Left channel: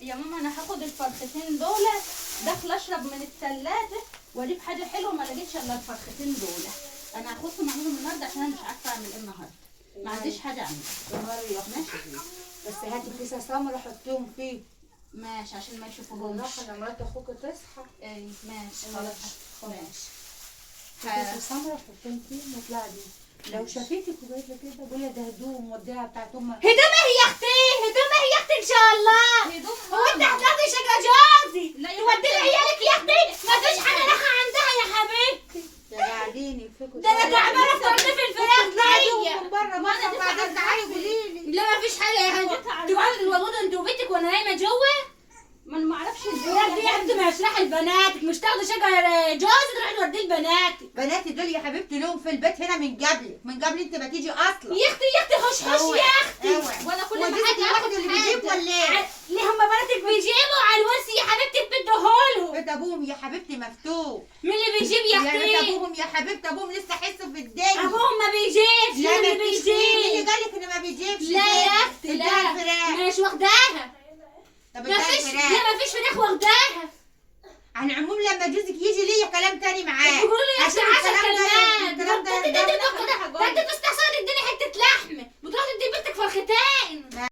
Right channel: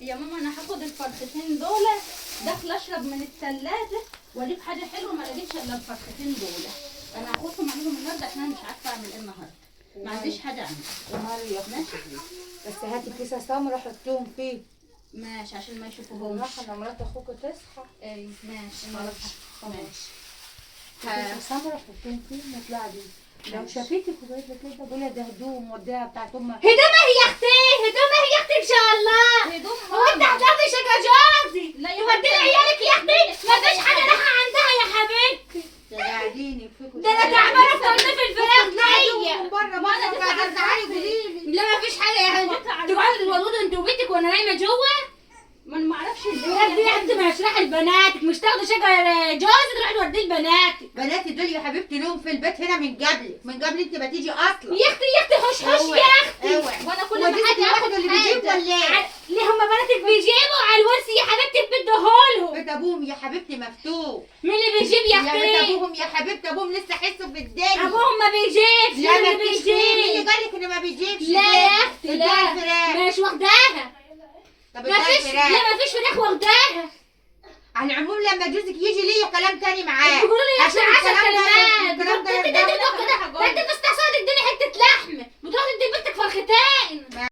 يا ماما انا هاخد الفرختين دول، داخله اشرب من الثلاجه واجيب حاجه حلوه، ما لقيتش الا الفرختين دول. انا هاخدهم اعملهم النهارده عشان انا مش عارفه اعمل ايه النهارده، ما عنديش حاجه اعملها. مريم ماشي بس هاتي كيسه سمرة حطيهم فيه. ماشي عشان ما يشوفوهمش. راح انا مرات اخوك تصحى. اي ماشي خلاص. ماشي. كيسه سمرة حطيهم فيه نطلع دي. لو شافيتك وجايبه كده قولي ده هدوم وديها بتاعت امك. هدومها يا اختي، هدومها يا اختي ان شاء الله. هدوم هو انت ماما. هتاخدي شقه جوزي لا يا تودي حبيبتي. عيالك يا اختي؟ ما فيش حاجه رايحه عندها يا حبيبتي. ده قاعدين يفكوا. ده انا تعبانه تنظيف الفراخ دي. من بره بره وبعدين تعالي قولي لي. لا ما فيش حاجه يا حبيبتي، تقعدوا تتوضوا انتوا وبيتك وانا نايمه جوه. ما انا ما اعرفش الفراخ دي يا اختي مش رايحه لبناتك، مش تاخدي شقه جوزي تروحي توديه لبناتك. بناتي دول يا حبيبتي لهم في البيت هنا من قبل انت ما تيجي اصلا. يا اختي يا اختي خش خش يا اختي. وانا كل هو ما جوزك حد لوحده ياخد اللي بيجيب حاجه ولا ايه؟ ليه هما بناتك بيجيبوا على الورث يا حبيبتي بتديهولهم؟ بيت ابوهم يا حبيبتي مفتوح. مين اللي بيجيب يا يا بيت اختي؟ ابوهم يا حبيبتي ابوهم لسه حسوا في الدنيا. ابوهم ما بيجيبش. لا مين ما اللي فيش. مين اللي بيجيب؟ قال لك انه ما بيجيبش؟ لا يا اختي لا، اديها الفراخ. مش واخداها. طب ما اديها فيش، لا الفراخ. ما فيش فراخ واخداها. على العموم لما جوزك يجي ليا كلام تاني معاه. بيقولوا لي يا اختي عشان 10 الكلام ده كلمات. ده انت تستقصد تديني حته لحم، بتروح تدي بنتك فرختين.